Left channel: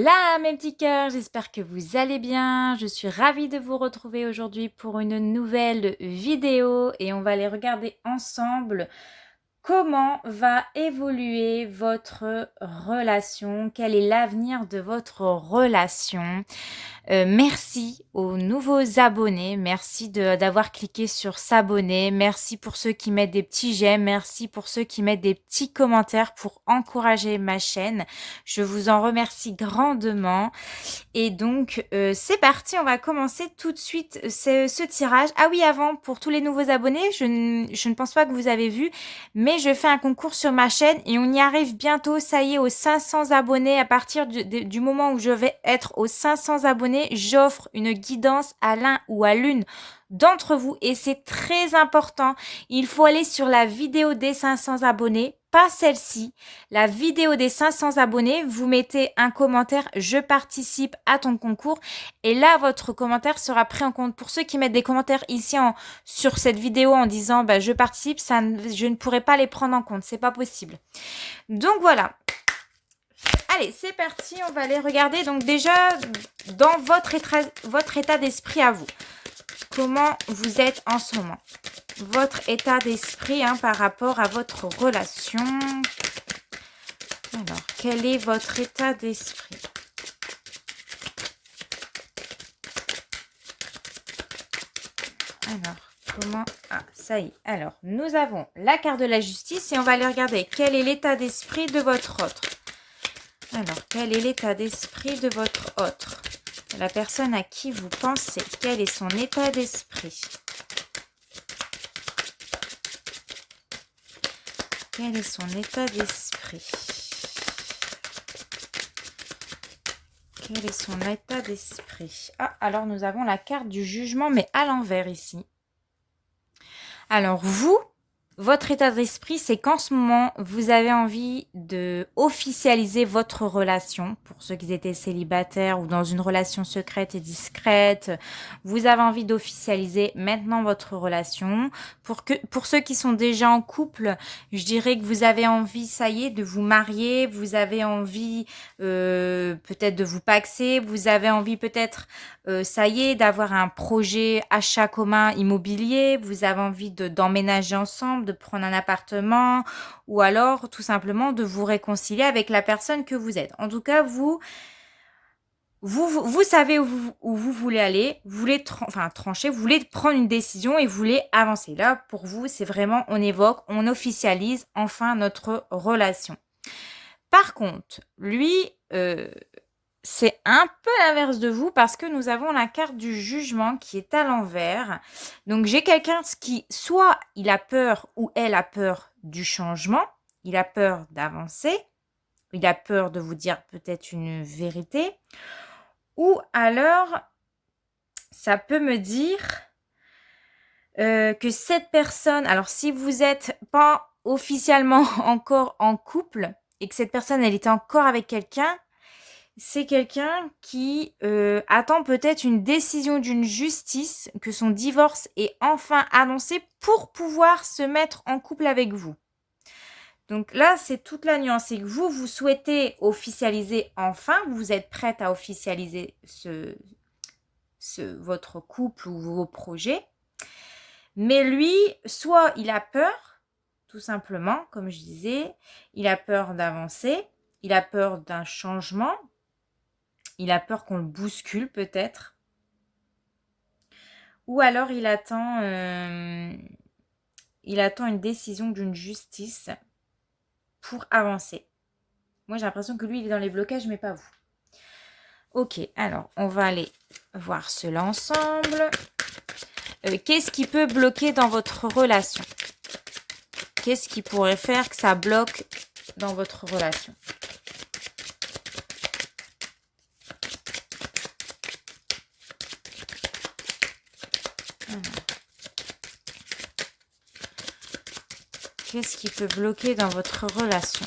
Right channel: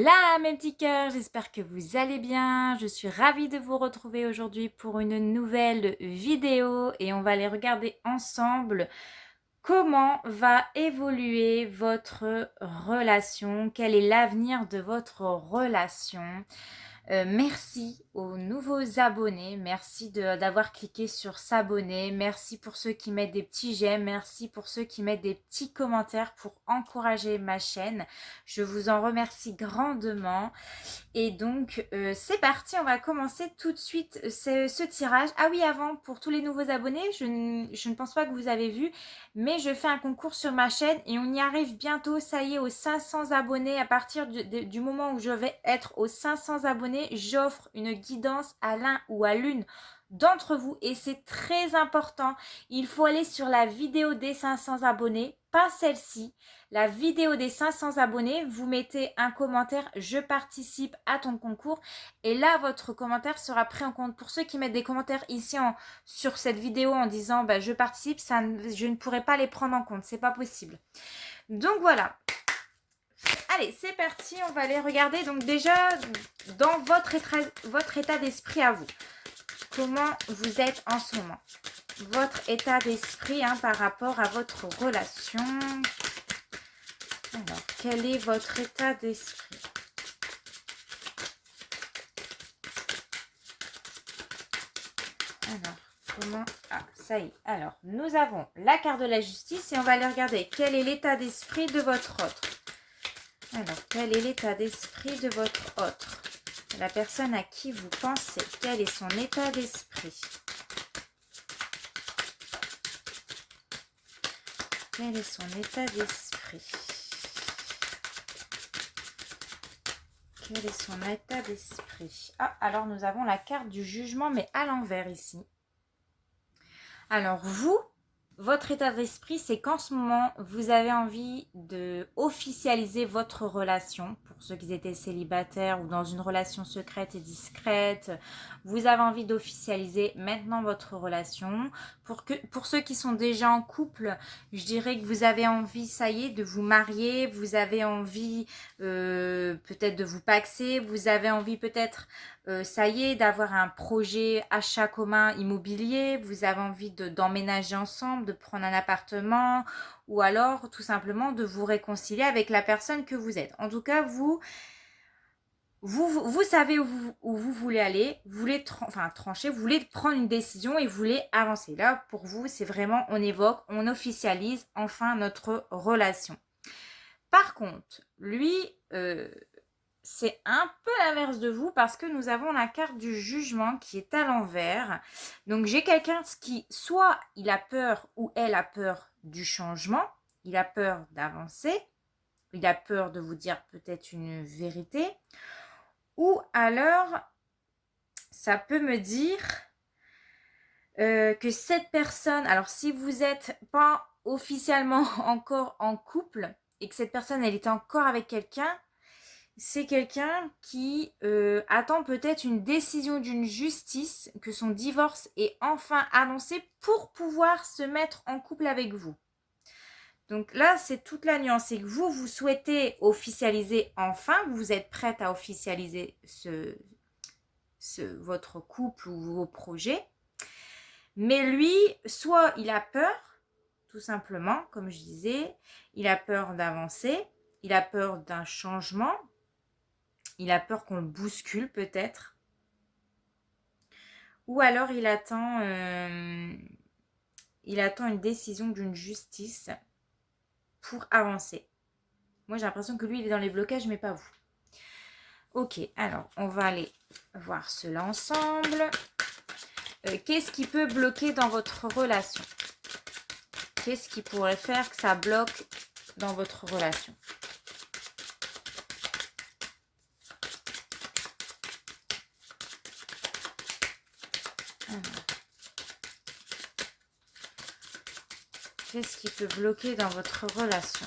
Hola mes petits cœurs, j'espère que vous allez bien. Je suis ravie de vous retrouver aujourd'hui pour une nouvelle vidéo et on va aller regarder ensemble comment va évoluer votre relation, quel est l'avenir de votre relation. Merci aux nouveaux abonnés, merci d'avoir cliqué sur s'abonner, merci pour ceux qui mettent des petits j'aime, merci pour ceux qui mettent des petits commentaires pour encourager ma chaîne. Je vous en remercie grandement. Et donc, c'est parti, on va commencer tout de suite ce tirage. Ah oui, avant, pour tous les nouveaux abonnés, je ne pense pas que vous avez vu, mais je fais un concours sur ma chaîne et on y arrive bientôt, ça y est, aux 500 abonnés. À partir du moment où je vais être aux 500 abonnés, j'offre une guidance à l'un ou à l'une d'entre vous et c'est très important. Il faut aller sur la vidéo des 500 abonnés, pas celle-ci. La vidéo des 500 abonnés, vous mettez un commentaire « Je participe à ton concours » et là, votre commentaire sera pris en compte. Pour ceux qui mettent des commentaires ici sur cette vidéo en disant « Je participe », je ne pourrai pas les prendre en compte, c'est pas possible. Donc voilà. Allez, c'est parti, on va aller regarder. Donc déjà, dans votre état d'esprit à vous, comment vous êtes en ce moment? Votre état d'esprit par rapport à votre relation. Alors, quel est votre état d'esprit? Alors, comment... Ah, ça y est. Alors, nous avons la carte de la justice et on va aller regarder quel est l'état d'esprit de votre autre. Alors, quel est l'état d'esprit de votre autre? La personne à qui vous pensez. Quel est son état d'esprit? Quel est son état d'esprit? Quel est son état d'esprit? Ah, alors nous avons la carte du jugement, mais à l'envers ici. Alors vous, votre état d'esprit, c'est qu'en ce moment, vous avez envie de officialiser votre relation. Pour ceux qui étaient célibataires ou dans une relation secrète et discrète, vous avez envie d'officialiser maintenant votre relation. Pour ceux qui sont déjà en couple, je dirais que vous avez envie, ça y est, de vous marier. Vous avez envie peut-être de vous paxer. Vous avez envie peut-être, ça y est, d'avoir un projet achat commun immobilier. Vous avez envie d'emménager ensemble, de prendre un appartement ou alors tout simplement de vous réconcilier avec la personne que vous êtes. En tout cas, vous savez où vous voulez aller, vous voulez trancher, vous voulez prendre une décision et vous voulez avancer. Là, pour vous, c'est vraiment, on évoque, on officialise enfin notre relation. Par contre, lui, c'est un peu l'inverse de vous parce que nous avons la carte du jugement qui est à l'envers. Donc, j'ai quelqu'un qui, soit il a peur ou elle a peur du changement, il a peur d'avancer, il a peur de vous dire peut-être une vérité, ou alors, ça peut me dire que cette personne, alors si vous n'êtes pas officiellement encore en couple et que cette personne, elle était encore avec quelqu'un, c'est quelqu'un qui attend peut-être une décision d'une justice, que son divorce est enfin annoncé pour pouvoir se mettre en couple avec vous. Donc là, c'est toute la nuance. C'est que vous souhaitez officialiser enfin, vous êtes prête à officialiser votre couple ou vos projets. Mais lui, soit il a peur, tout simplement, comme je disais, il a peur d'avancer, il a peur d'un changement, il a peur qu'on le bouscule peut-être. Ou alors il attend une décision d'une justice pour avancer. Moi, j'ai l'impression que lui, il est dans les blocages, mais pas vous. Ok, alors, on va aller voir cela ensemble. Qu'est-ce qui peut bloquer dans votre relation? Qu'est-ce qui pourrait faire que ça bloque dans votre relation? Qu'est-ce qui peut bloquer dans votre relation?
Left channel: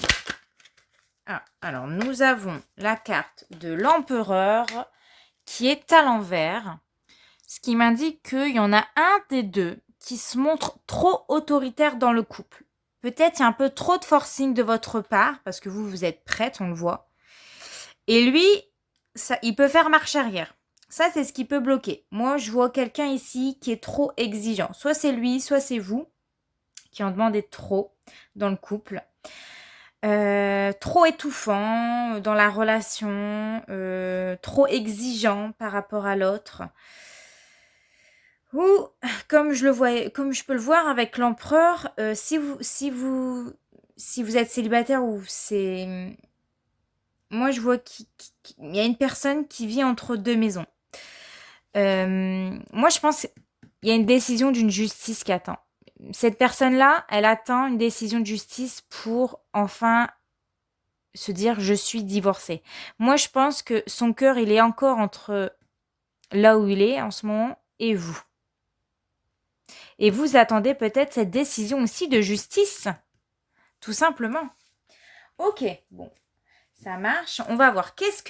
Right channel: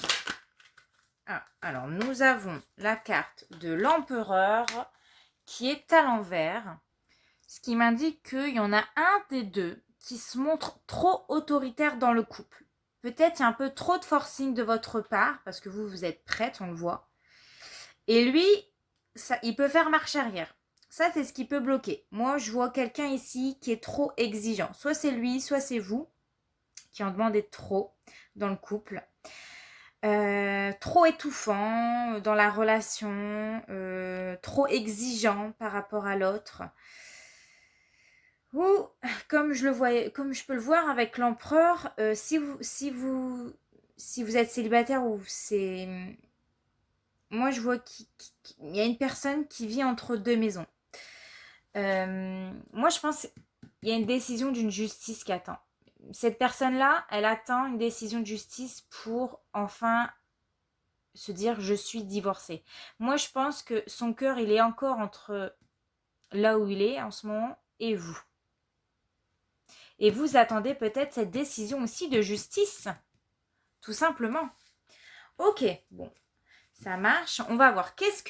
Alors, nous avons la carte de l'empereur qui est à l'envers, ce qui m'indique qu'il y en a un des deux qui se montre trop autoritaire dans le couple. Peut-être il y a un peu trop de forcing de votre part, parce que vous êtes prête, on le voit. Et lui, ça, il peut faire marche arrière. Ça, c'est ce qui peut bloquer. Moi, je vois quelqu'un ici qui est trop exigeant. Soit c'est lui, soit c'est vous qui en demandez trop dans le couple. Trop étouffant dans la relation, trop exigeant par rapport à l'autre. Ou comme je peux le voir avec l'empereur, si vous êtes célibataire ou c'est, moi je vois qu'il y a une personne qui vit entre deux maisons. Moi je pense qu'il y a une décision d'une justice qui attend. Cette personne-là, elle attend une décision de justice pour enfin se dire je suis divorcée. Moi je pense que son cœur il est encore entre là où il est en ce moment et vous. Et vous attendez peut-être cette décision aussi de justice, tout simplement. Ok, bon, ça marche. On va voir. Qu'est-ce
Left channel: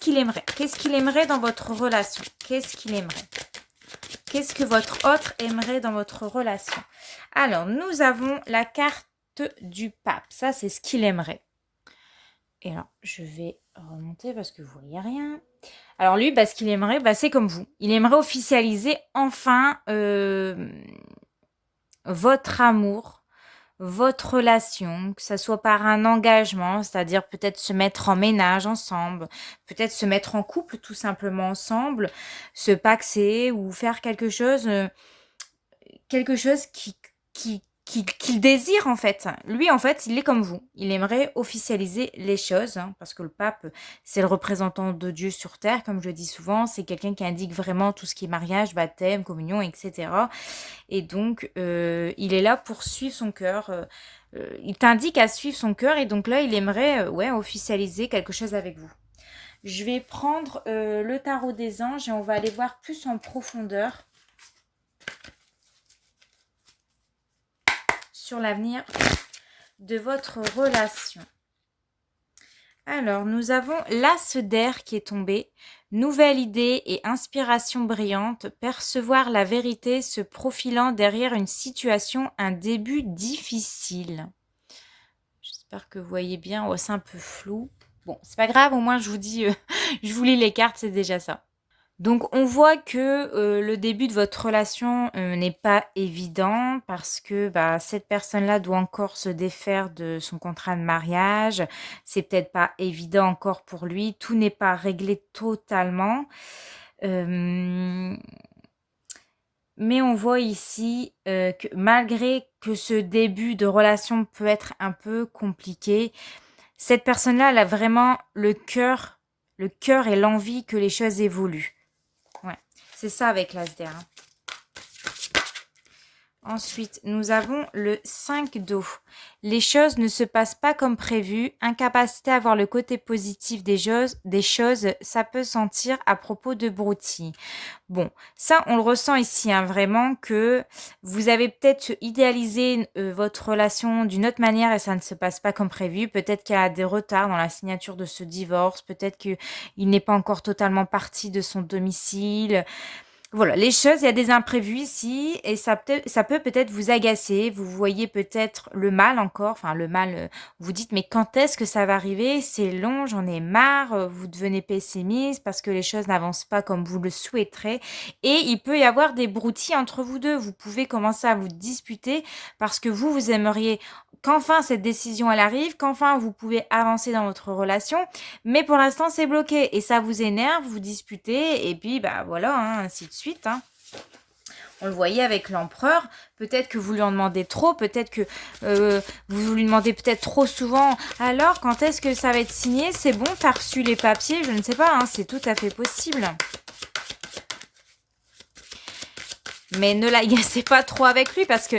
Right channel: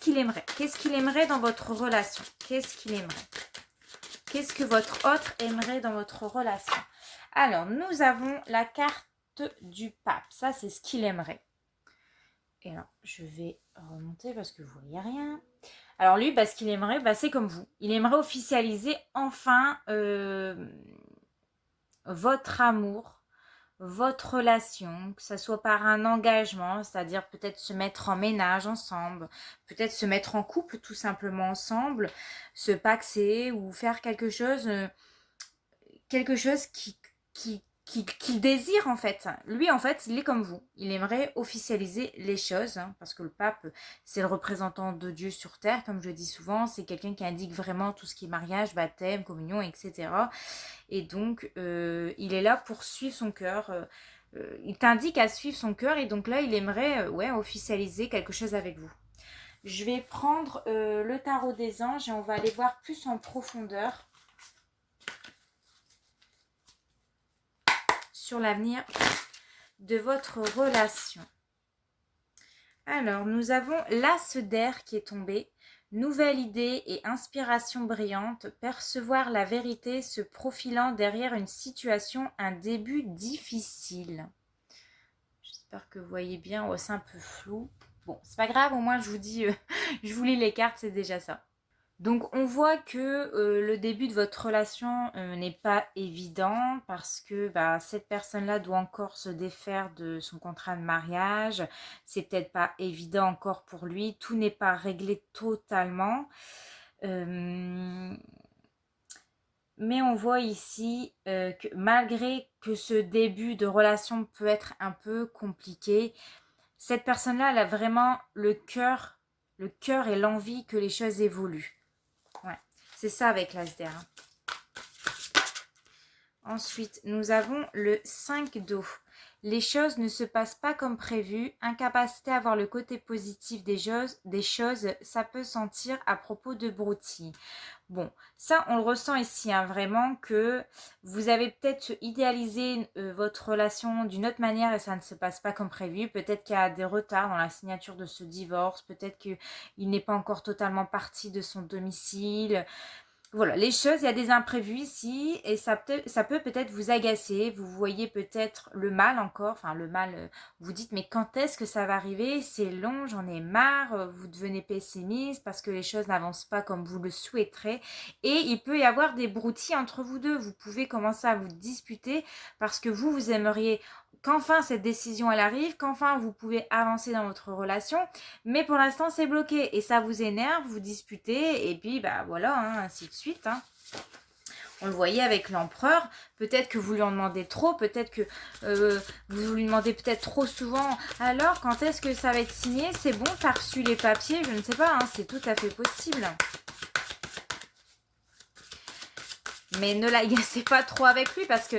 qu'il aimerait? Qu'est-ce qu'il aimerait dans votre relation? Qu'est-ce qu'il aimerait? Qu'est-ce que votre autre aimerait dans votre relation? Alors, nous avons la carte du pape. Ça, c'est ce qu'il aimerait. Et là, je vais remonter parce que vous ne voyez rien. Alors lui, ce qu'il aimerait, c'est comme vous. Il aimerait officialiser enfin votre amour, votre relation, que ça soit par un engagement, c'est-à-dire peut-être se mettre en ménage ensemble, peut-être se mettre en couple tout simplement ensemble, se paxer ou faire quelque chose qu'il désire en fait. Lui en fait, il est comme vous. Il aimerait officialiser les choses, hein, parce que le pape, c'est le représentant de Dieu sur terre, comme je le dis souvent. C'est quelqu'un qui indique vraiment tout ce qui est mariage, baptême, communion, etc. Et donc, il est là pour suivre son cœur. Il t'indique à suivre son cœur et donc là, il aimerait officialiser quelque chose avec vous. Je vais prendre le tarot des anges et on va aller voir plus en profondeur sur l'avenir de votre relation. Alors, nous avons l'as d'air qui est tombé. Nouvelle idée et inspiration brillante, percevoir la vérité se profilant derrière une situation, un début difficile. J'espère que vous voyez bien. Oh, c'est un peu flou. Bon, c'est pas grave, au moins je vous dis, je vous lis les cartes, c'est déjà ça. Donc on voit que le début de votre relation n'est pas évident parce que cette personne-là doit encore se défaire de son contrat de mariage. C'est peut-être pas évident encore pour lui. Tout n'est pas réglé totalement. Mais on voit ici que malgré que ce début de relation peut être un peu compliqué, cette personne-là, elle a vraiment le cœur et l'envie que les choses évoluent. Ouais, c'est ça avec l'As-der. Ensuite, nous avons le 5 d'eau. Les choses ne se passent pas comme prévu. Incapacité à voir le côté positif des choses, ça peut sentir à propos de broutilles. Bon, ça, on le ressent ici, hein, vraiment, que vous avez peut-être idéalisé votre relation d'une autre manière et ça ne se passe pas comme prévu. Peut-être qu'il y a des retards dans la signature de ce divorce. Peut-être qu'il n'est pas encore totalement parti de son domicile. Voilà, les choses, il y a des imprévus ici et ça peut peut-être vous agacer. Vous voyez peut-être le mal encore, enfin le mal, vous dites mais quand est-ce que ça va arriver? C'est long, j'en ai marre, vous devenez pessimiste parce que les choses n'avancent pas comme vous le souhaiterez et il peut y avoir des broutilles entre vous deux. Vous pouvez commencer à vous disputer parce que vous aimeriez qu'enfin cette décision elle arrive, qu'enfin vous pouvez avancer dans votre relation, mais pour l'instant c'est bloqué et ça vous énerve, vous disputez et puis voilà, hein, ainsi de suite. Hein. On le voyait avec l'empereur, peut-être que vous lui en demandez trop, peut-être que vous lui demandez peut-être trop souvent. Alors, quand est-ce que ça va être signé? C'est bon, t'as reçu les papiers? Je ne sais pas, hein, c'est tout à fait possible. Mais ne l'agacez pas trop avec lui parce que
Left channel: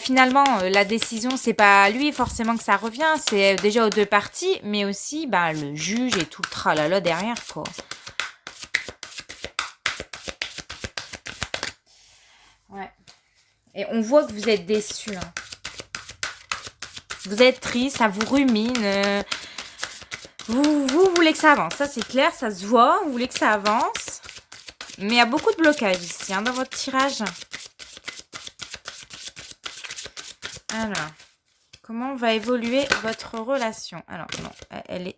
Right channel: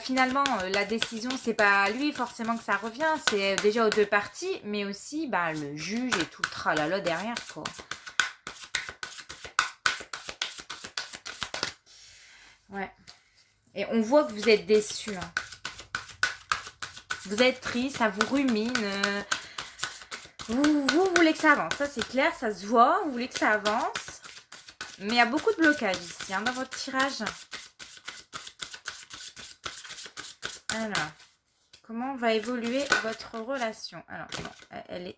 finalement, la décision, c'est pas à lui forcément que ça revient. C'est déjà aux deux parties, mais aussi le juge et tout le tralala derrière, quoi. Ouais. Et on voit que vous êtes déçus. Hein. Vous êtes triste, ça vous rumine. Vous voulez que ça avance. Ça, c'est clair, ça se voit. Vous voulez que ça avance. Mais il y a beaucoup de blocages ici, hein, dans votre tirage. Alors, comment va évoluer votre relation? Alors, non,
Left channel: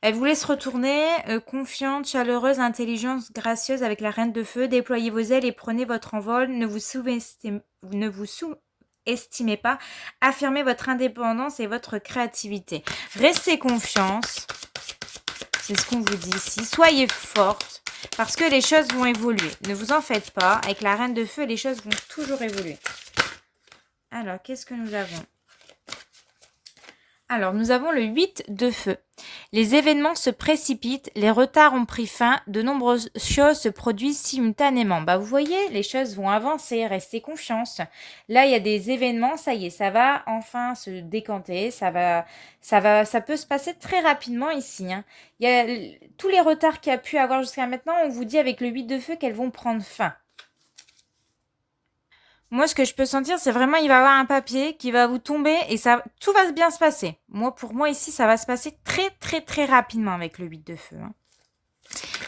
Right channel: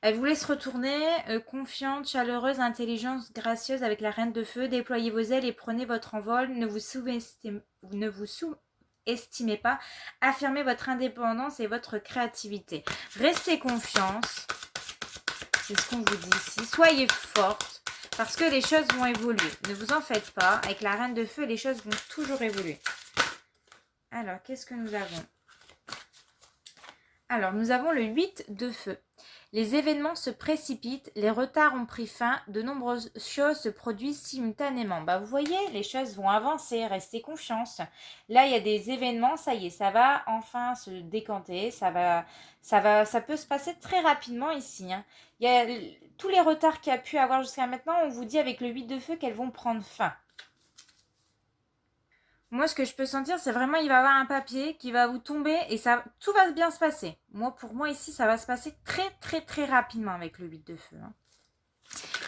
Elle vous laisse retourner, confiante, chaleureuse, intelligente, gracieuse avec la reine de feu. Déployez vos ailes et prenez votre envol. Ne vous sous-estimez pas. Affirmez votre indépendance et votre créativité. Restez confiance. C'est ce qu'on vous dit ici. Soyez forte parce que les choses vont évoluer. Ne vous en faites pas. Avec la reine de feu, les choses vont toujours évoluer. Alors, qu'est-ce que nous avons? Alors, nous avons le 8 de feu. Les événements se précipitent, les retards ont pris fin, de nombreuses choses se produisent simultanément. Vous voyez, les choses vont avancer, restez confiance. Là, il y a des événements, ça y est, ça va enfin se décanter, ça peut se passer très rapidement ici. Il y a tous les retards qu'il y a pu avoir jusqu'à maintenant, on vous dit avec le 8 de feu qu'elles vont prendre fin. Moi, ce que je peux sentir, c'est vraiment il va y avoir un papier qui va vous tomber et tout va bien se passer. Pour moi, ici, ça va se passer très, très, très rapidement avec le 8 de feu.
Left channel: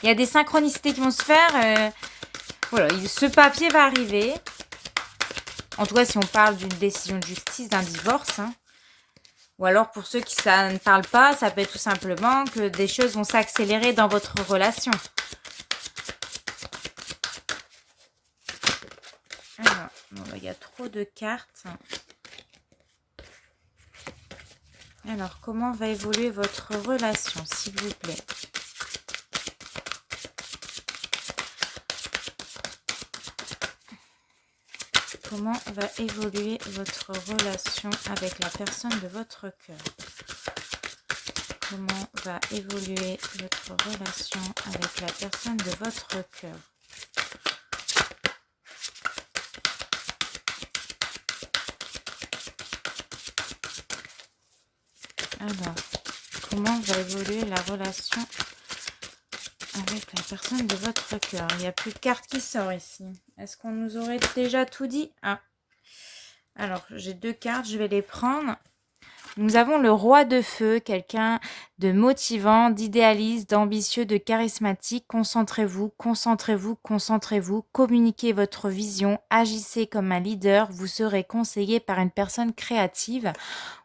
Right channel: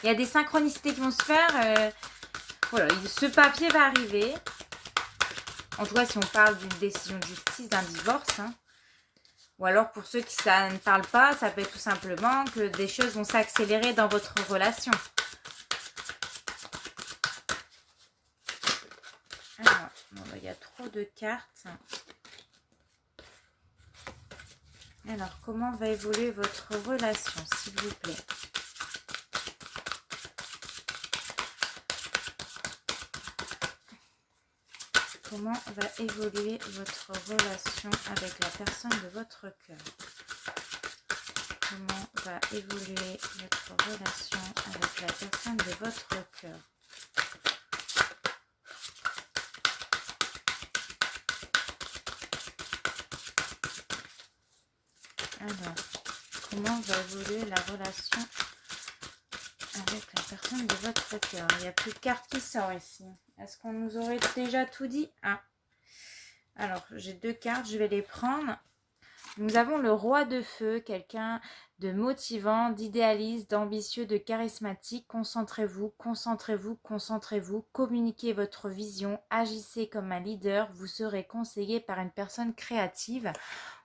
Il y a des synchronicités qui vont se faire. Voilà, ce papier va arriver. En tout cas, si on parle d'une décision de justice, d'un divorce. Ou alors, pour ceux qui ça ne parle pas, ça peut être tout simplement que des choses vont s'accélérer dans votre relation. Alors, il y a trop de cartes. Alors, comment va évoluer votre relation, s'il vous plaît? Comment va évoluer votre relation avec la personne de votre cœur? Comment va évoluer votre relation avec la personne de votre cœur? Alors, comment va évoluer la relation avec la personne de votre cœur? Il n'y a plus de cartes qui sortent ici. Est-ce qu'on nous aurait déjà tout dit? Alors, j'ai 2 cartes, je vais les prendre. Nous avons le roi de feu, quelqu'un de motivant, d'idéaliste, d'ambitieux, de charismatique. Concentrez-vous, concentrez-vous, concentrez-vous. Communiquez votre vision, agissez comme un leader. Vous serez conseillé par une personne créative.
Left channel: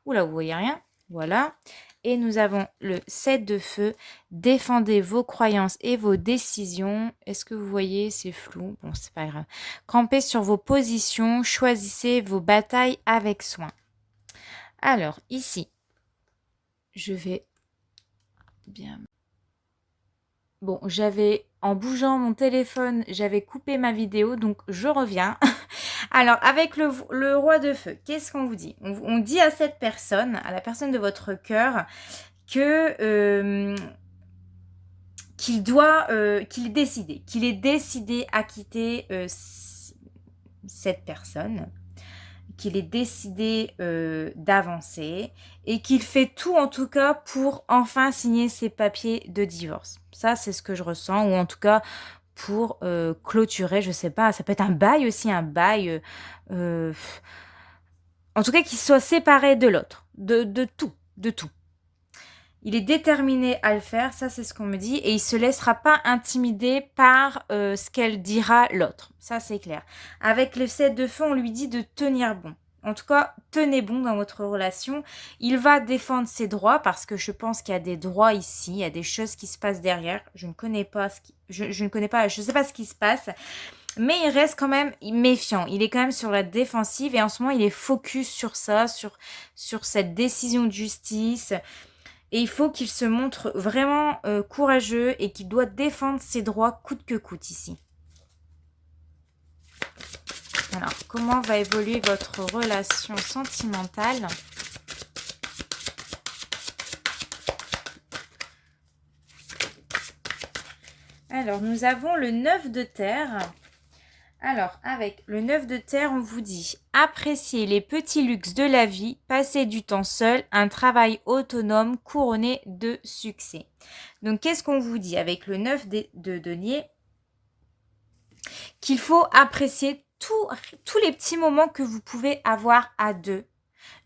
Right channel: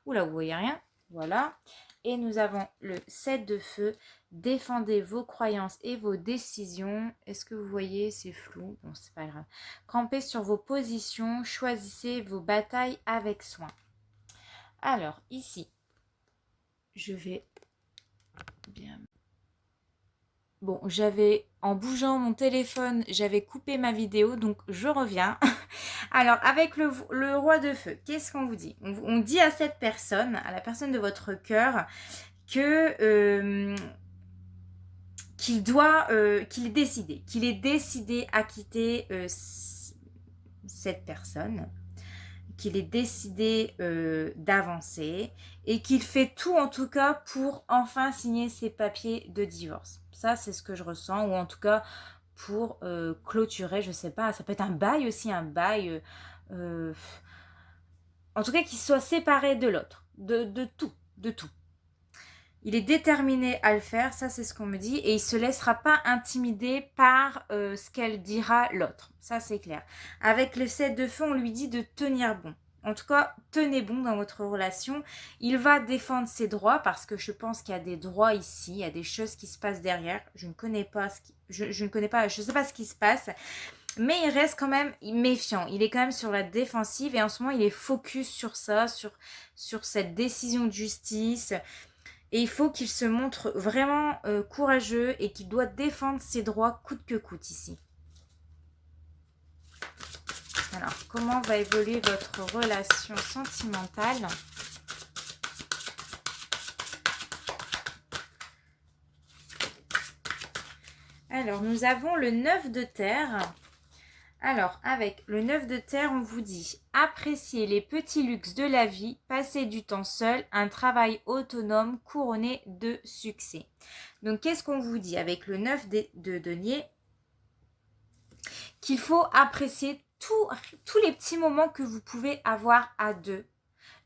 Oula, vous voyez rien? Voilà. Et nous avons le 7 de feu. Défendez vos croyances et vos décisions. Est-ce que vous voyez? C'est flou. Bon, c'est pas grave. Campez sur vos positions. Choisissez vos batailles avec soin. Alors, ici, je vais bien... Bon, en bougeant mon téléphone, j'avais coupé ma vidéo, donc je reviens. Alors, avec le roi de feu, qu'est-ce qu'on vous dit? On dit à cette personne, à la personne de votre cœur, que qu'il est décidé à quitter cette personne, qu'il est décidé d'avancer et qu'il fait tout en tout cas pour enfin signer ses papiers de divorce. Ça, c'est ce que je ressens, ou en tout cas pour clôturer, je sais pas, ça peut être un bail aussi, en tout cas qu'il soit séparé de l'autre, de tout. Il est déterminé à le faire, ça c'est ce qu'on me dit, et il ne se laissera pas intimider par ce qu'elle dira l'autre. Ça c'est clair. Avec le 7 de feu, on lui dit de tenir bon. En tout cas, tenez bon dans votre relation. Il va défendre ses droits parce que je pense qu'il y a des droits ici, il y a des choses qui se passent derrière. Je ne connais pas je ne sais pas ce qui se passe. Mais il reste quand même méfiant. Il est quand même sur la défensive et en ce moment, il est focus sur ça, sur cette décision de justice. Et il faut qu'il se montre vraiment courageux et qu'il doit défendre ses droits coûte que coûte ici. Alors, comment va évoluer votre relation sentimentale? Alors, nous avons le 9 de terre. Alors, avec le 9 de terre, on vous dit « Appréciez les petits luxes de la vie, passez du temps seul, un travail autonome couronné de succès. » Donc, qu'est-ce qu'on vous dit avec le 9 de denier? Qu'il faut apprécier tous les petits moments que vous pouvez avoir à deux.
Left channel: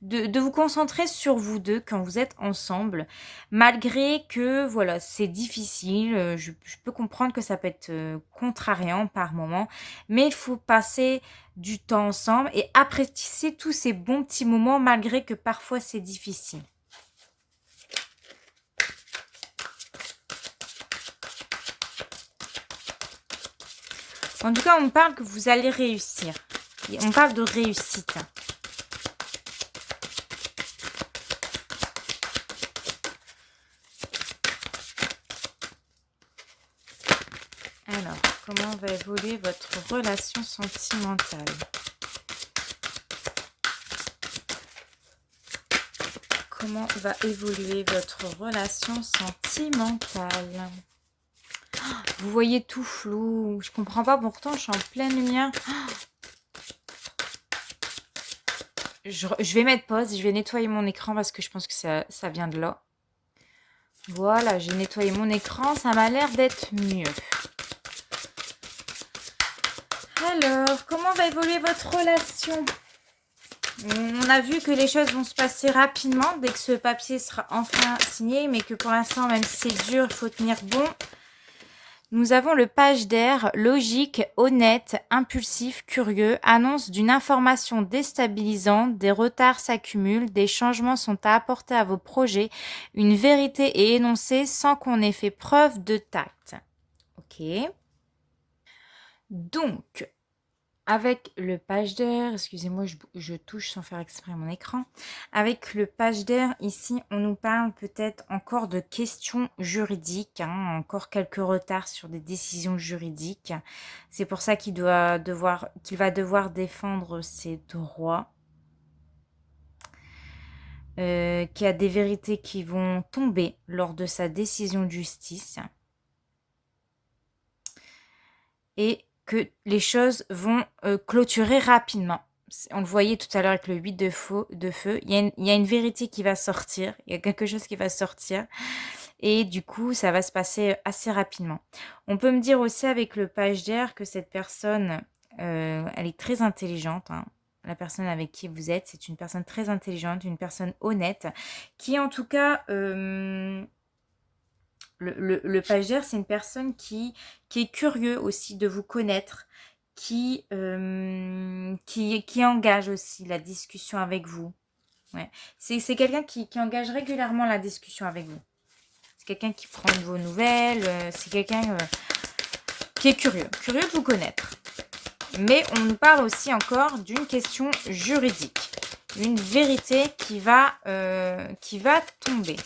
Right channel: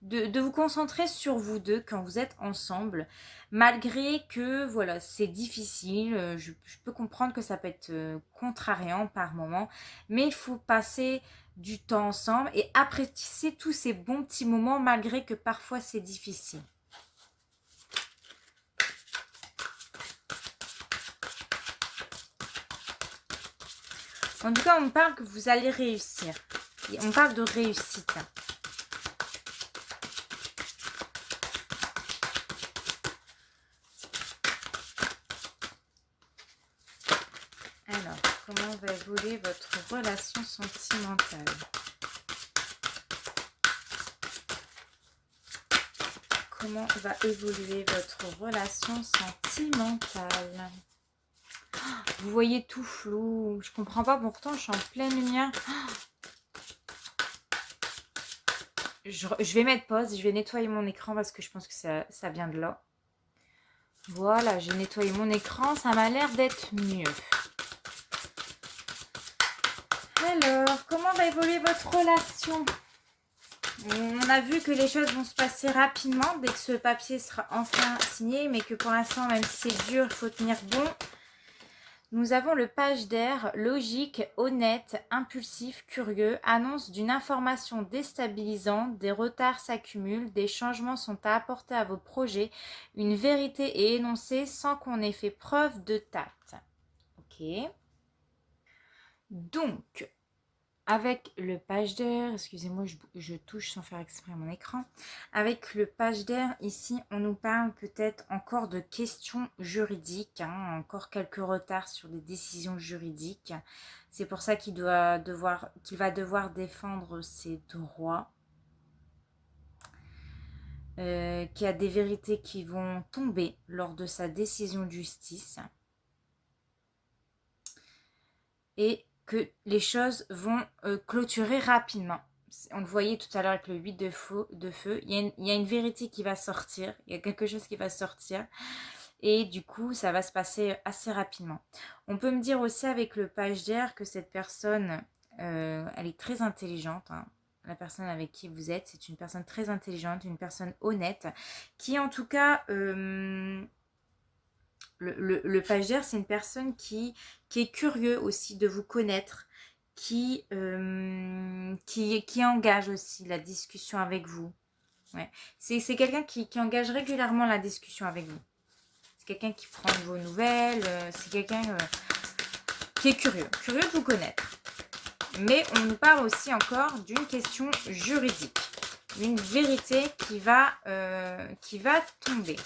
De vous concentrer sur vous deux quand vous êtes ensemble, malgré que voilà, c'est difficile, je peux comprendre que ça peut être contrariant par moment, mais il faut passer du temps ensemble et apprécier tous ces bons petits moments malgré que parfois c'est difficile. En tout cas, on parle que vous allez réussir. Et on parle de réussite. Alors, comment va évoluer votre relation sentimentale? Comment va évoluer votre relation sentimentale? Vous voyez tout flou. Je comprends pas, pourtant je suis en pleine lumière. Je vais mettre pause, je vais nettoyer mon écran parce que je pense que ça vient de là. Voilà, j'ai nettoyé mon écran, ça m'a l'air d'être mieux. Alors, comment va évoluer votre relation? On a vu que les choses vont se passer rapidement dès que ce papier sera enfin signé, mais que pour l'instant, même si c'est dur, il faut tenir bon. Nous avons le page d'air, logique, honnête, impulsif, curieux, annonce d'une information déstabilisante, des retards s'accumulent, des changements sont à apporter à vos projets, une vérité est énoncée sans qu'on ait fait preuve de tact. Ok. Donc, avec le page d'air, excusez-moi, je touche sans faire exprès mon écran. Avec le page d'air, ici, on nous parle peut-être encore de questions juridiques, encore quelques retards sur des décisions juridiques. C'est pour ça qu'il va devoir défendre ses droits. Qu'il y a des vérités qui vont tomber lors de sa décision de justice. Et que les choses vont clôturer rapidement. On le voyait tout à l'heure avec le 8 de feu. Il y a une vérité qui va sortir. Il y a quelque chose qui va sortir. Et du coup, ça va se passer assez rapidement. On peut me dire aussi avec le page d'air que cette personne, elle est très intelligente. La personne avec qui vous êtes, c'est une personne très intelligente, une personne honnête, qui en tout cas... Le page d'air, c'est une personne qui est curieux aussi de vous connaître, qui engage aussi la discussion avec vous. Ouais. C'est quelqu'un qui engage régulièrement la discussion avec vous. C'est quelqu'un qui prend de vos nouvelles, c'est quelqu'un qui est curieux de vous connaître. Mais on nous parle aussi encore d'une question juridique, une vérité qui va tomber.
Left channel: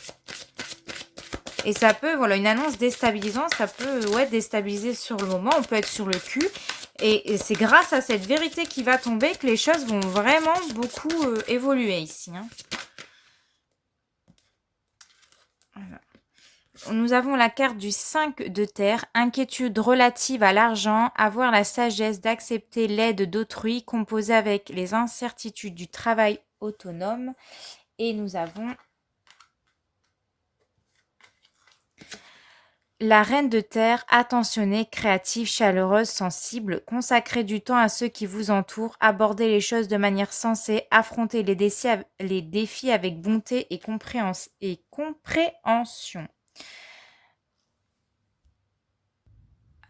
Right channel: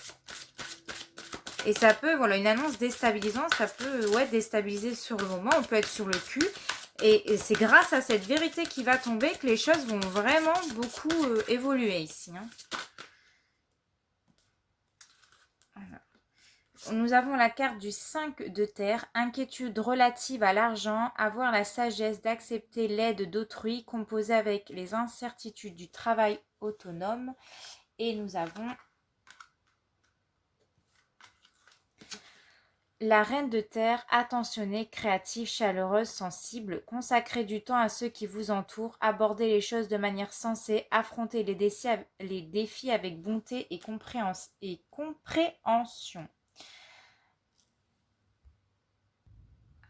Et ça peut, voilà, une annonce déstabilisante, ça peut déstabiliser sur le moment, on peut être sur le cul. Et c'est grâce à cette vérité qui va tomber que les choses vont vraiment beaucoup évoluer ici. Voilà. Nous avons la carte du 5 de terre, inquiétude relative à l'argent, avoir la sagesse d'accepter l'aide d'autrui, composée avec les incertitudes du travail autonome. Et nous avons... La reine de terre, attentionnée, créative, chaleureuse, sensible, consacrez du temps à ceux qui vous entourent, abordez les choses de manière sensée, affrontez les défis avec bonté et compréhension.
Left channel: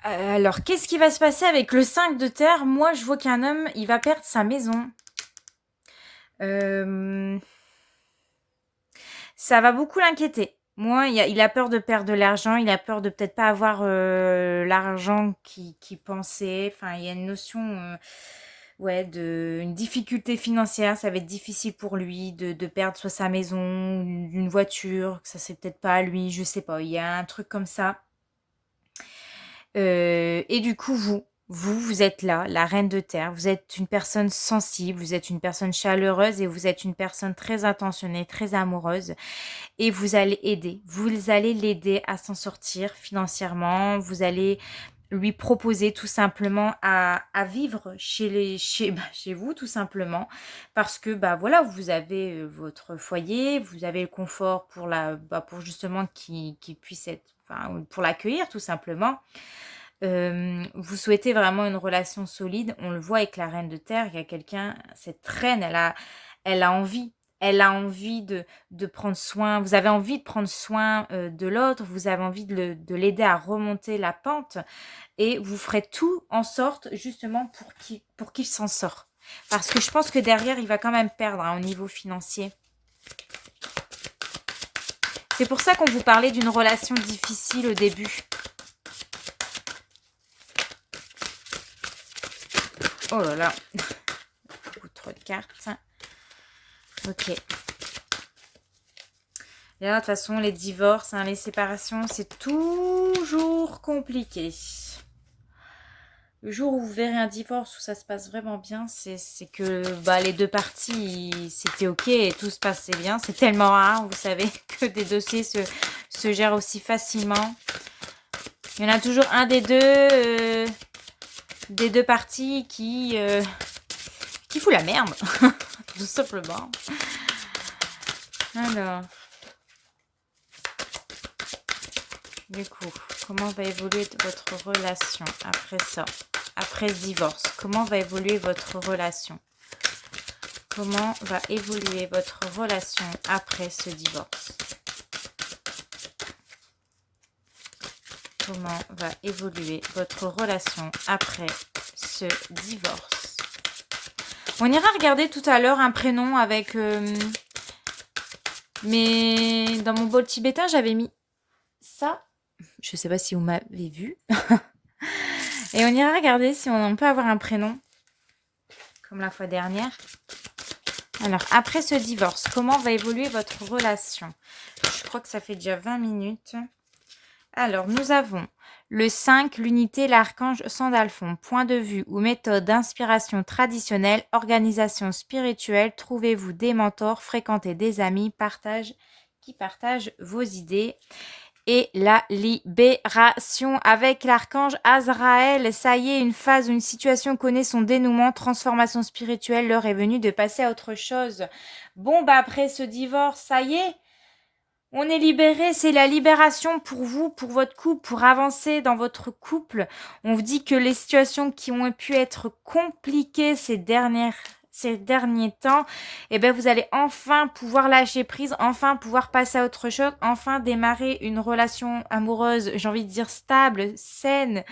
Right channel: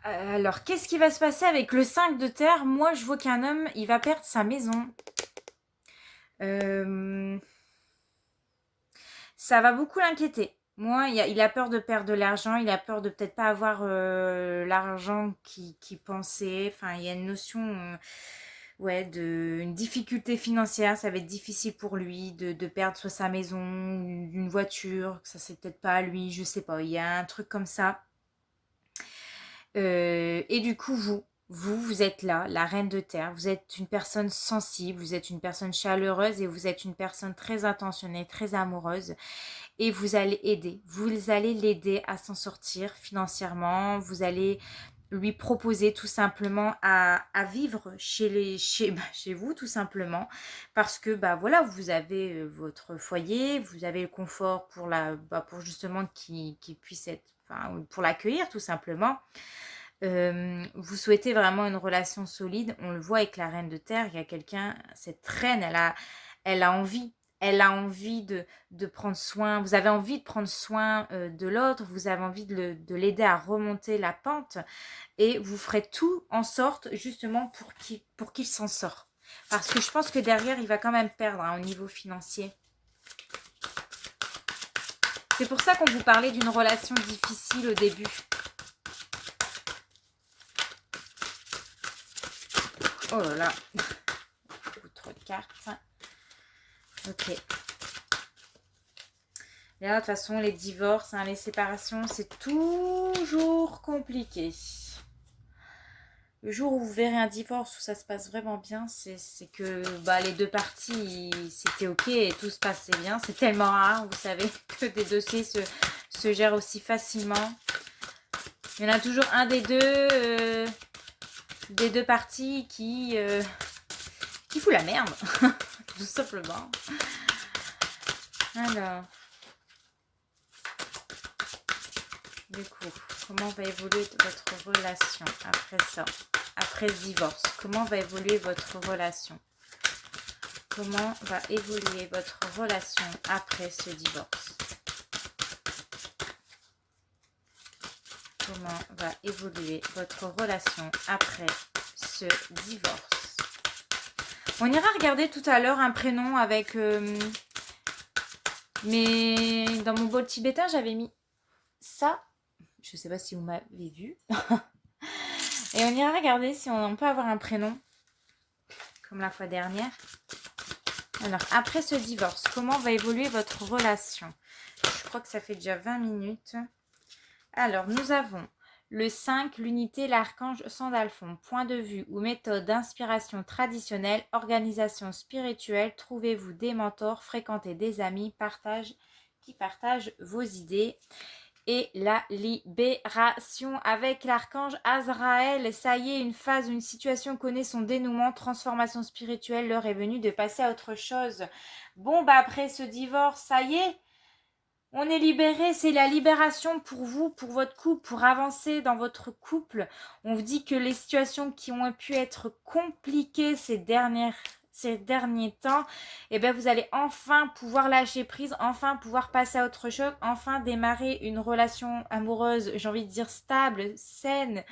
Alors, qu'est-ce qui va se passer avec le 5 de terre? Moi, je vois qu'un homme, il va perdre sa maison. Ça va beaucoup l'inquiéter. Moi, il a peur de perdre de l'argent, il a peur de peut-être pas avoir l'argent qu'il pensait. Enfin, il y a une notion une difficulté financière. Ça va être difficile pour lui de perdre soit sa maison, une voiture, que ça c'est peut-être pas à lui, je sais pas. Il y a un truc comme ça. Et du coup, vous êtes là, la reine de terre. Vous êtes une personne sensible, vous êtes une personne chaleureuse et vous êtes une personne très attentionnée, très amoureuse. Et vous allez l'aider à s'en sortir financièrement. Vous allez lui proposer tout simplement à vivre chez vous, tout simplement. Parce que, voilà, vous avez votre foyer, vous avez le confort pour justement qu'il puisse être, pour l'accueillir, tout simplement. Vous souhaitez vraiment une relation solide. On le voit avec la reine de terre. Il y a quelqu'un, cette reine, elle a envie. Elle a envie de prendre soin. Vous avez envie de prendre soin de l'autre. Vous avez envie de l'aider à remonter la pente. Et vous ferez tout en sorte justement pour qu'il s'en sort. Parce que je pense que derrière, il va quand même perdre au niveau financier. C'est pour ça qu'on vous parlait d'une relation difficile au début. Oh là là. Beaucoup trop de cartes. Ok. Et là, de toute façon, les divorces, hein, les séparations, c'est toujours compliqué. Le jour où vous verrez un divorce où ça se passe vraiment bien, c'est que les deux parties, c'était ok et tout se passait bien. C'est tellement rare, vous savez, que des dossiers se gèrent aussi facilement. Il y en a toujours un des deux parties qui fout la merde, tout simplement. Alors, du coup, comment va évoluer votre relation après ça? Après ce divorce, comment va évoluer votre relation? Comment va évoluer votre relation après ce divorce? Comment va évoluer votre relation après ce divorce? On ira regarder tout à l'heure un prénom avec... mais dans mon bol tibétain, j'avais mis ça. Je ne sais pas si vous m'avez vu. Et on ira regarder si on peut avoir un prénom, comme la fois dernière. Alors, après ce divorce, comment va évoluer votre relation? Je crois que ça fait déjà 20 minutes. Alors, nous avons le 5, l'unité, l'archange Sandalphon. Point de vue ou méthode d'inspiration traditionnelle, organisation spirituelle, trouvez-vous des mentors, fréquentez des amis, qui partagent vos idées. Et la libération avec l'archange Azraël. Ça y est, une phase, une situation connaît son dénouement, transformation spirituelle, l'heure est venue de passer à autre chose. Bon, après ce divorce, ça y est, on est libéré, c'est la libération pour vous, pour votre couple, pour avancer dans votre couple. On vous dit que les situations qui ont pu être compliquées ces derniers temps, vous allez enfin pouvoir lâcher prise, enfin pouvoir passer à autre chose, enfin démarrer une relation amoureuse, j'ai envie de dire stable, saine.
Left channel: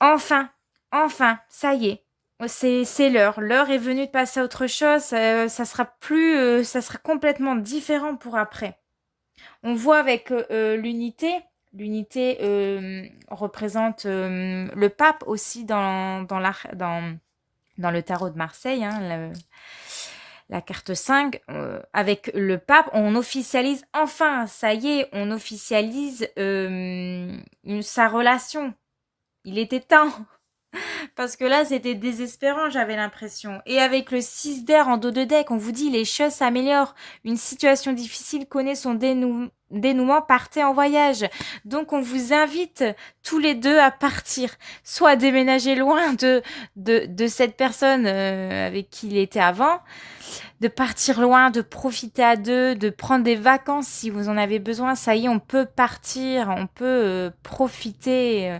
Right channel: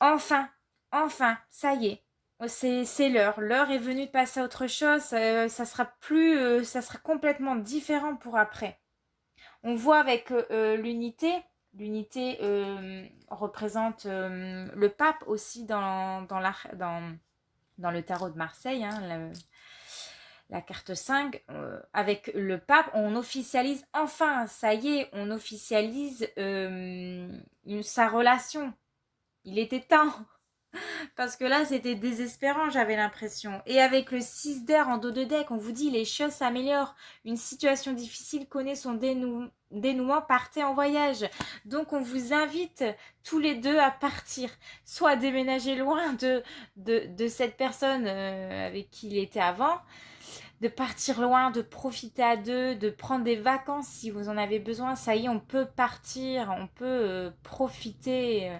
Enfin, ça y est. C'est l'heure. L'heure est venue de passer à autre chose. Ça sera complètement différent pour après. On voit avec l'unité. L'unité représente le pape aussi dans le tarot de Marseille, hein, la carte 5. Avec le pape, on officialise enfin, ça y est, on officialise sa relation. Il était temps. Parce que là, c'était désespérant, j'avais l'impression. Et avec le 6 d'air en dos de deck, on vous dit les choses s'améliorent. Une situation difficile connaît son dénouement, partez en voyage. Donc, on vous invite tous les deux à partir. Soit à déménager loin de cette personne avec qui il était avant, de partir loin, de profiter à deux, de prendre des vacances si vous en avez besoin. Ça y est, on peut partir, on peut profiter.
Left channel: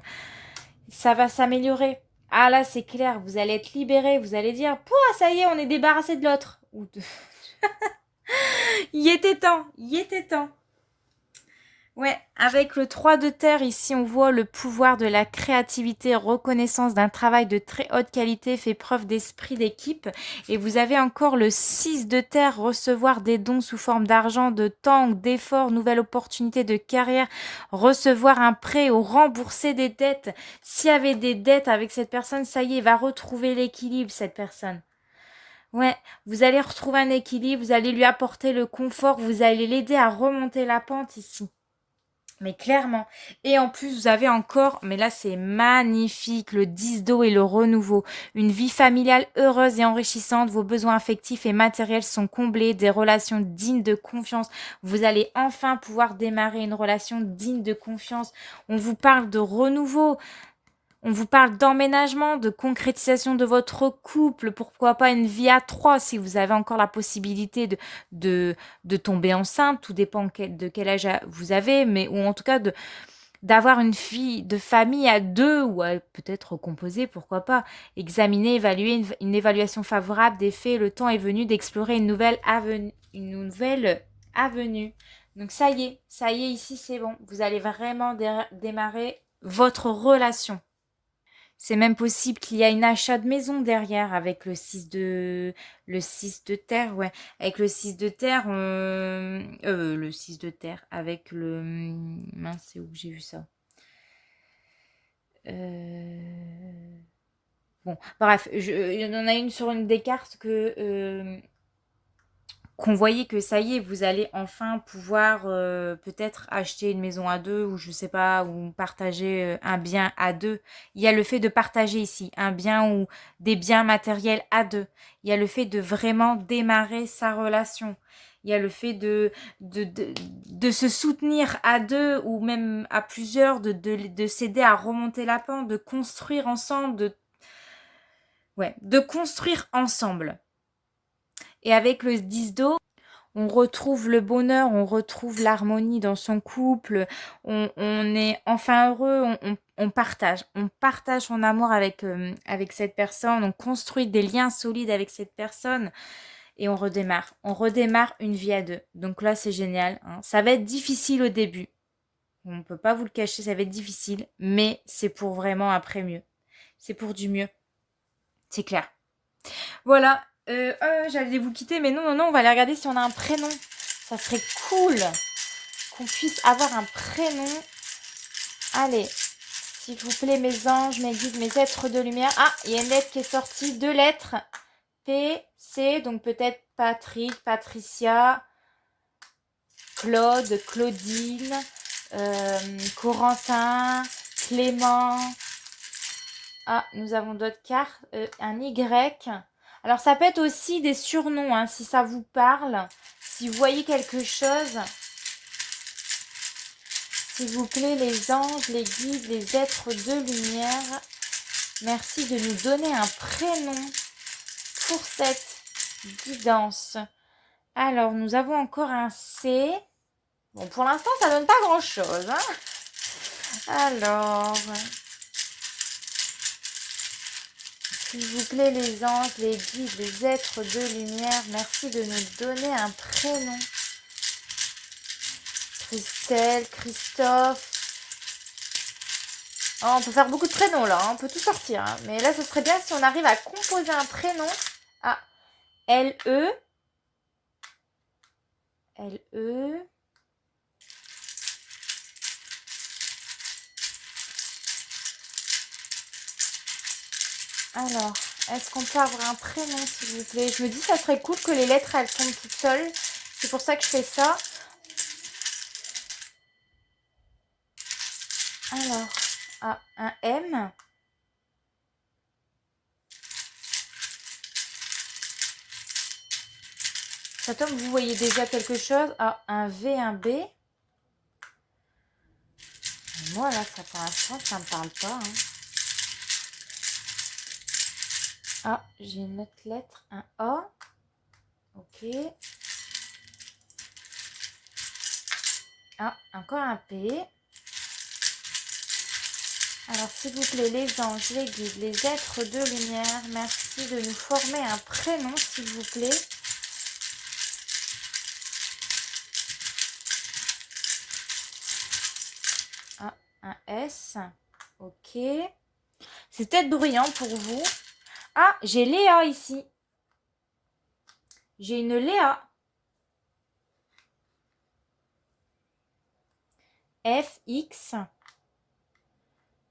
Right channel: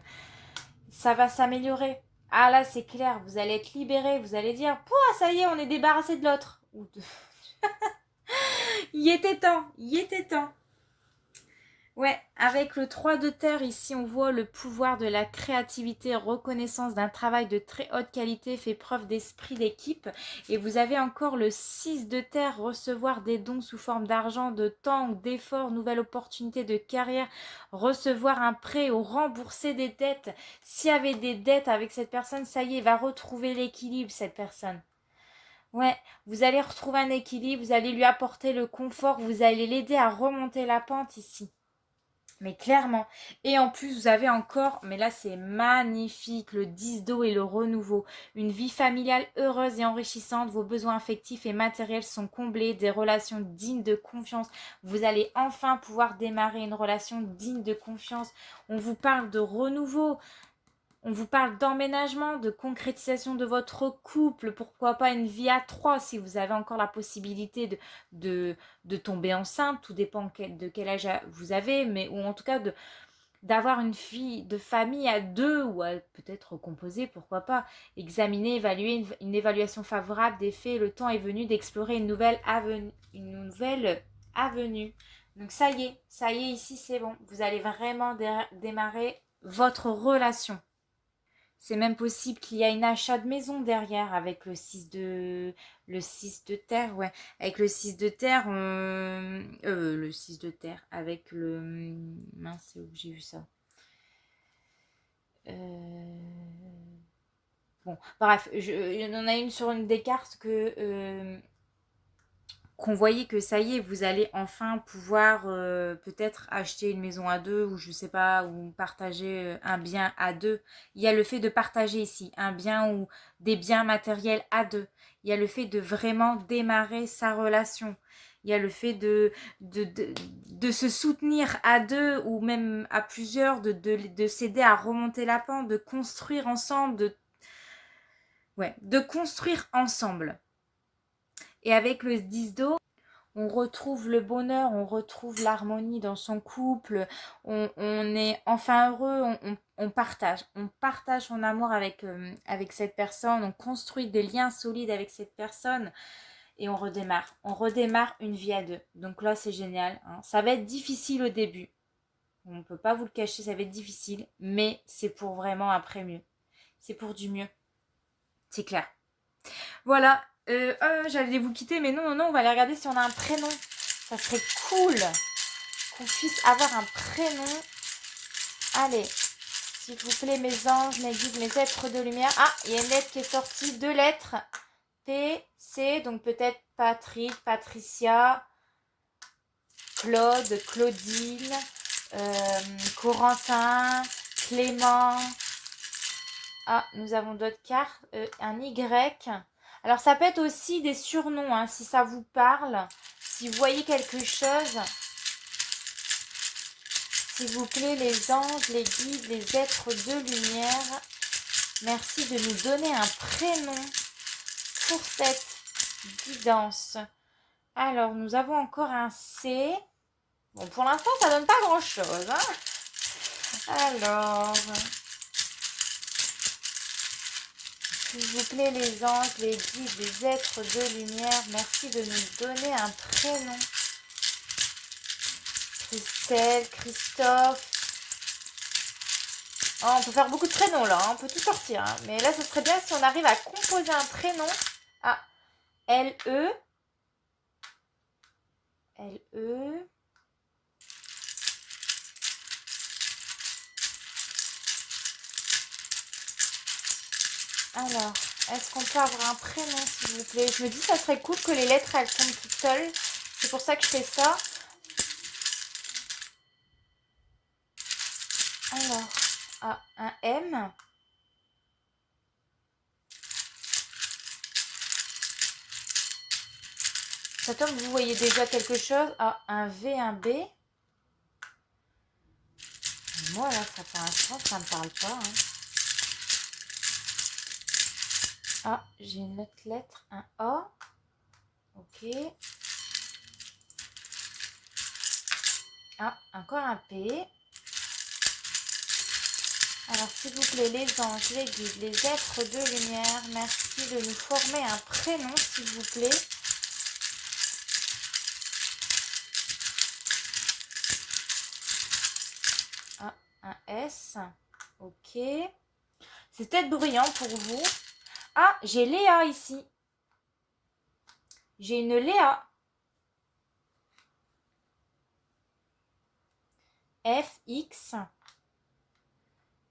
Ça va s'améliorer. Ah là, c'est clair, vous allez être libéré, vous allez dire, pouah, ça y est, on est débarrassé de l'autre. Il était temps, il était temps. Ouais, avec le 3 de terre, ici, on voit le pouvoir de la créativité, reconnaissance d'un travail de très haute qualité, fait preuve d'esprit d'équipe. Et vous avez encore le 6 de terre, recevoir des dons sous forme d'argent, de temps, d'efforts, nouvelle opportunité de carrière, recevoir un prêt ou rembourser des dettes. S'il y avait des dettes avec cette personne, ça y est, va retrouver l'équilibre, cette personne. Ouais, vous allez retrouver un équilibre, vous allez lui apporter le confort, vous allez l'aider à remonter la pente ici. Mais clairement. Et en plus, vous avez encore, mais là c'est magnifique, le 10 d'eau et le renouveau. Une vie familiale heureuse et enrichissante. Vos besoins affectifs et matériels sont comblés. Des relations dignes de confiance. Vous allez enfin pouvoir démarrer une relation digne de confiance. On vous parle de renouveau. On vous parle d'emménagement, de concrétisation de votre couple, pourquoi pas une vie à trois si vous avez encore la possibilité de tomber enceinte, tout dépend de quel âge vous avez, mais ou en tout cas d'avoir une vie de famille à deux ou peut-être composée, pourquoi pas. Examiner, évaluer une évaluation favorable des faits, le temps est venu d'explorer une nouvelle avenue. Donc ça y est, ici c'est bon, vous allez vraiment démarrer votre relation. C'est même possible qu'il y a une achat de maison derrière avec le 6 de terre, ouais. Avec le 6 de terre, le 6 de terre, avec le... Mince, c'est où que j'ai vu ça? Bon, bref, il y en a une sur une des cartes qu'on voyait que ça y est, vous allez enfin pouvoir peut-être acheter une maison à deux ou je sais pas, ou partager un bien à deux. Il y a le fait de partager ici un bien ou des biens matériels à deux. Il y a le fait de vraiment démarrer sa relation. Il y a le fait de se soutenir à deux ou même à plusieurs, de s'aider à remonter la pente, de construire ensemble, de construire ensemble. Et avec le 10 d'eau, on retrouve le bonheur, on retrouve l'harmonie dans son couple, on est enfin heureux, on partage son amour avec cette personne, on construit des liens solides avec cette personne et on redémarre une vie à deux. Donc là, c'est génial, hein. Ça va être difficile au début, on ne peut pas vous le cacher, ça va être difficile, mais c'est pour vraiment après mieux, c'est pour du mieux, c'est clair. Voilà, j'allais vous quitter, mais non, on va aller regarder si on a un prénom. Ça serait cool qu'on puisse avoir un prénom. Allez, s'il vous plaît, mes anges, mes guides, mes êtres de lumière. Ah, il y a une lettre qui est sortie, 2 lettres. P, C, donc peut-être Patrick, Patricia, Claude, Claudine, Corentin, Clément. Ah, nous avons d'autres cartes. Un Y. Alors, ça peut être aussi des surnoms, hein, si ça vous parle. Si vous voyez quelque chose, s'il vous plaît, les anges, les guides, les êtres de lumière, merci de nous donner un prénom pour cette guidance. Alors, nous avons encore un C. Bon, pour l'instant, ça donne pas grand-chose, hein. Alors, s'il vous plaît, les anges, les guides, les êtres de lumière, merci de nous donner un prénom. Christelle, Christophe. Oh, on peut faire beaucoup de prénoms là, hein, on peut tout sortir. Hein. Mais là, ce serait bien si on arrive à composer un prénom. Ah, L-E. L-E. Alors, est-ce qu'on peut avoir un prénom, s'il vous plaît? Je me dis, ça serait cool que les lettres, elles tombent toutes seules. C'est pour ça que je fais ça. Alors, ah, un M. Ça tombe, vous voyez déjà quelque chose. Ah, un V, un B. Moi, là, ça pour l'instant, ça me parle pas. Hein. Ah, j'ai une autre lettre, un A. Ok. Ah, encore un P. Alors, s'il vous plaît, les anges, les guides, les êtres de lumière, merci de nous former un prénom, s'il vous plaît. Ah, un S. Ok. C'est peut-être bruyant pour vous. Ah, j'ai Léa ici. J'ai une Léa. F, X.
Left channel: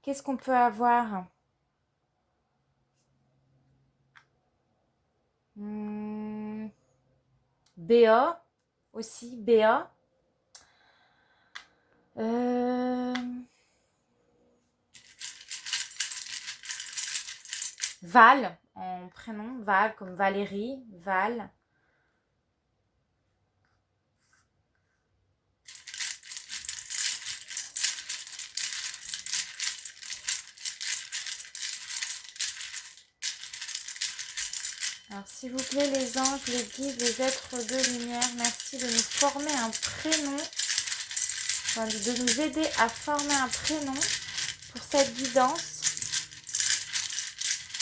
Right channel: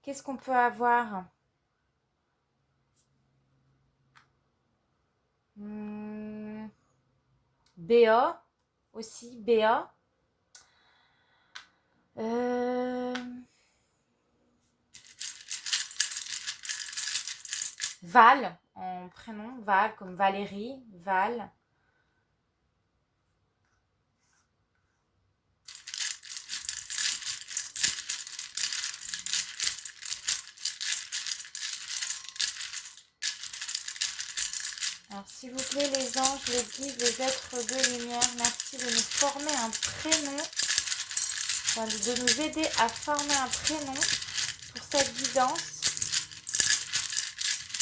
Qu'est-ce qu'on peut avoir? BA aussi, BA. Val, en prénom, Val, comme Valérie, Val. Alors, s'il vous plaît, les anges, les guides, les êtres de lumière, merci de nous former un prénom, de nous aider à former un prénom pour cette guidance.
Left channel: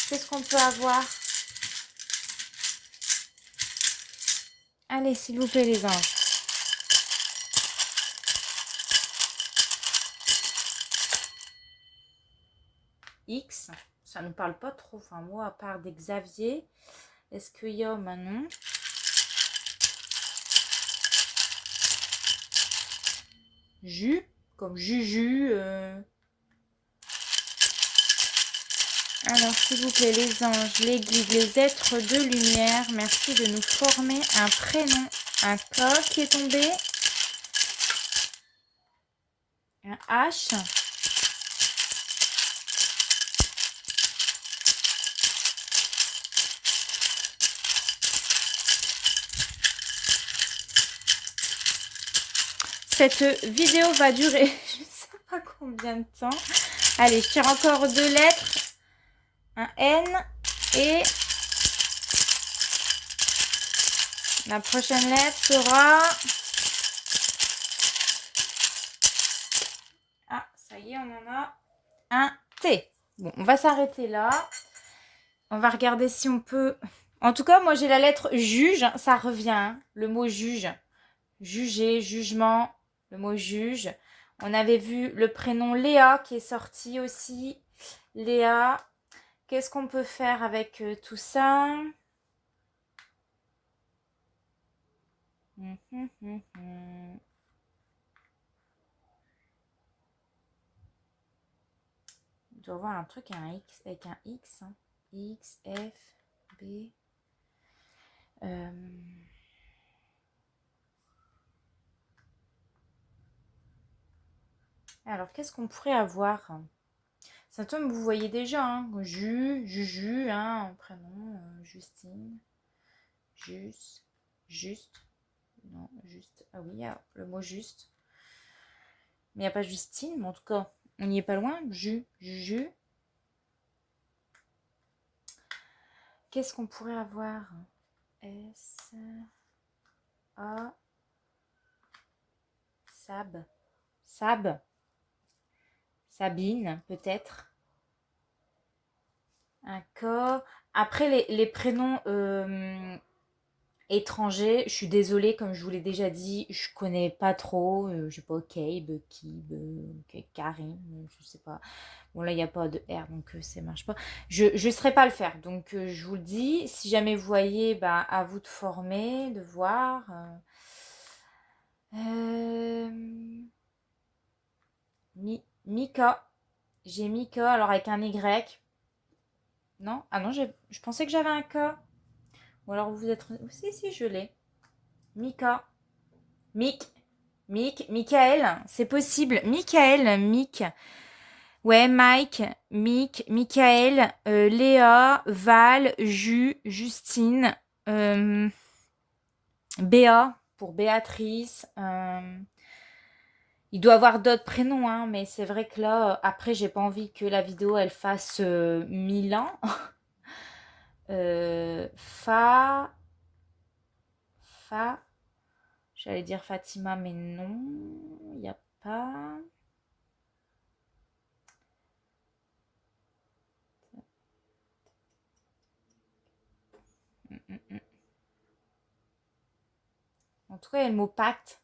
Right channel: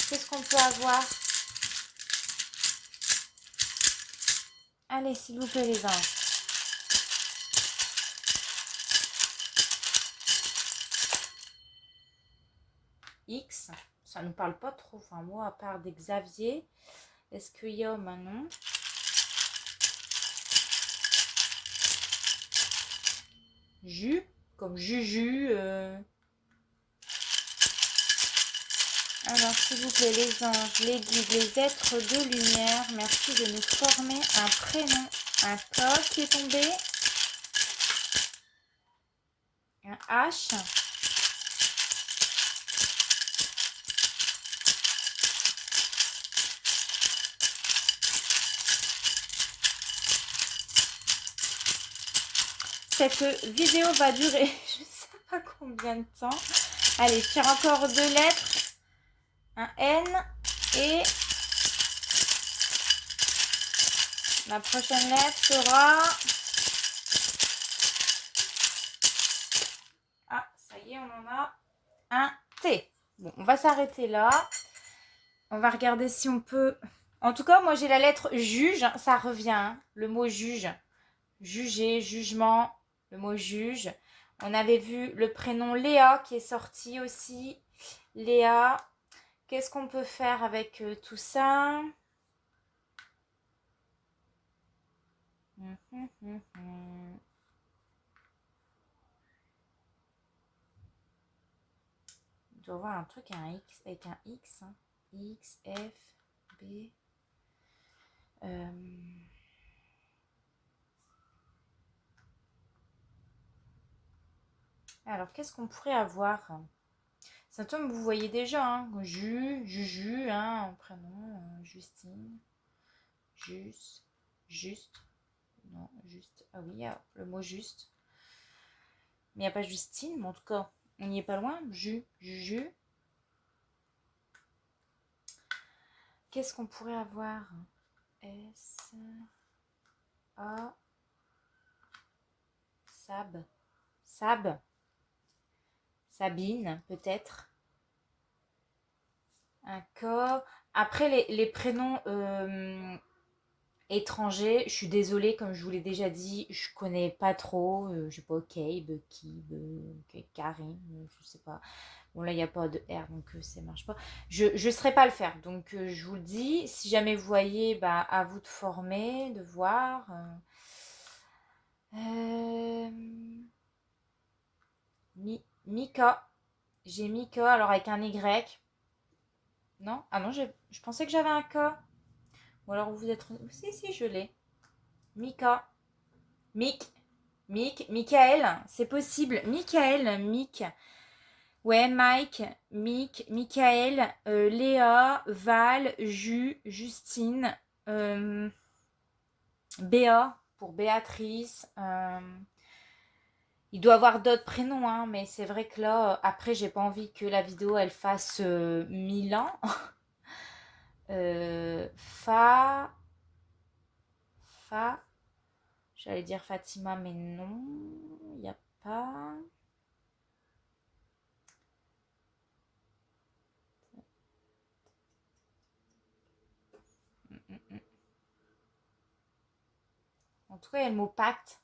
Qu'est-ce qu'on peut avoir? Allez, s'il vous plaît, les anges. X, ça ne me parle pas trop. Enfin, moi, à part des Xavier, est-ce qu'il y a maintenant? Jus, comme Juju. Alors, s'il vous plaît, les anges, les guides, les êtres de lumière, merci de nous former un prénom, un K qui est tombé, un H, cette vidéo va durer, je ne sais pas combien de temps. Allez, je tire encore 2 lettres, un N et la prochaine lettre sera... Ah, ça y est, on en a un T. Bon, on va s'arrêter là. On va regarder si on peut... En tout cas, moi, j'ai la lettre juge. Ça revient, hein, le mot juge. Juger, jugement, le mot juge. On avait vu le prénom Léa qui est sorti aussi. Léa. Qu'est-ce qu'on peut faire avec tout ça? Il doit y avoir un truc avec un X. Hein. X, F, B. Alors, qu'est-ce qu'on pourrait avoir? Symptôme, vous voyez déjà. Hein. Juju, hein, prénom, Justine. Juste. Non, juste. Ah oui, il y a le mot juste. Mais il n'y a pas Justine, mais en tout cas, on n'y est pas loin. Juju. Qu'est-ce qu'on pourrait avoir? S. A. Sab. Sabine, peut-être. Un K. Après, les prénoms étrangers, je suis désolée, comme je vous l'ai déjà dit, je connais pas trop. Je sais pas, Kib, Karim, je sais pas. Bon, là, il n'y a pas de R, donc ça marche pas. Je ne saurais pas le faire. Donc, je vous le dis. Si jamais vous voyez, bah, à vous de former, de voir. Mika. J'ai Mika, alors avec un Y. Non? Ah non, je pensais que j'avais un K. Ou alors vous êtes... Si, je l'ai. Mika. Michael. C'est possible. Mick. Ouais, Mike, Michael, Léa, Val, Justine, Béa pour Béatrice. Il doit avoir d'autres prénoms, hein, mais c'est vrai que là, après, j'ai pas envie que la vidéo, elle fasse 1000 ans. Fa, j'allais dire Fatima, mais non, il n'y a pas. En tout cas, il y a le mot pacte.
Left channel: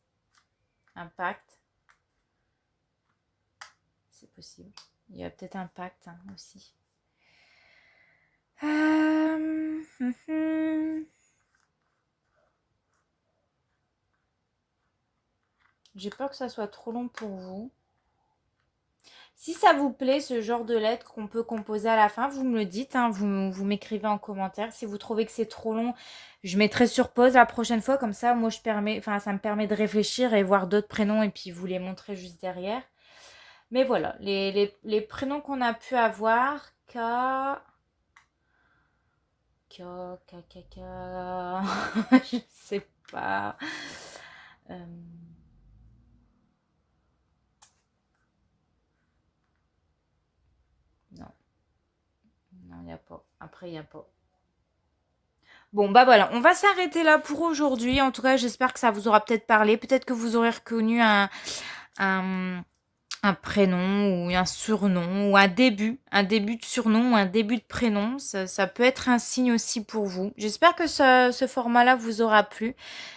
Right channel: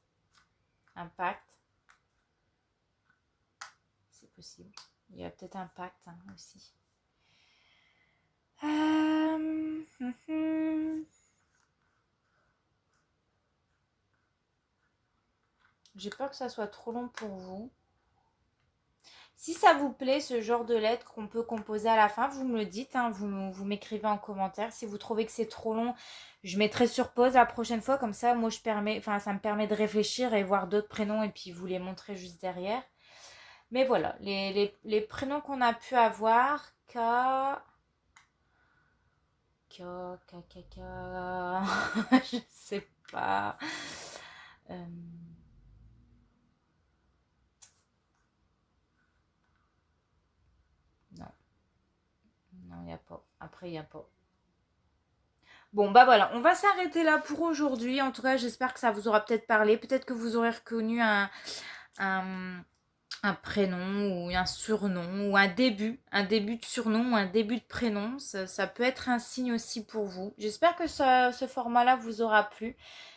Un pacte. C'est possible. Il y a peut-être un pacte hein, aussi. J'ai peur que ça soit trop long pour vous. Si ça vous plaît, ce genre de lettres qu'on peut composer à la fin, vous me le dites, hein, vous m'écrivez en commentaire. Si vous trouvez que c'est trop long, je mettrai sur pause la prochaine fois. Comme ça, moi, ça me permet de réfléchir et voir d'autres prénoms et puis vous les montrer juste derrière. Mais voilà, les prénoms qu'on a pu avoir, je sais pas. Non, il n'y a pas. Après, il n'y a pas. Bon, bah voilà, on va s'arrêter là pour aujourd'hui. En tout cas, j'espère que ça vous aura peut-être parlé. Peut-être que vous aurez reconnu un prénom ou un surnom ou un début de surnom ou un début de prénom. Ça peut être un signe aussi pour vous. J'espère que ce format-là vous aura plu.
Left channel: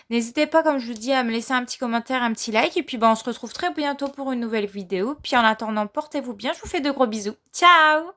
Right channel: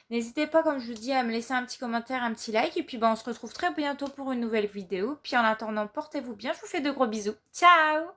N'hésitez pas, comme je vous dis, à me laisser un petit commentaire, un petit like. Et puis, bah, on se retrouve très bientôt pour une nouvelle vidéo. Puis en attendant, portez-vous bien. Je vous fais de gros bisous. Ciao!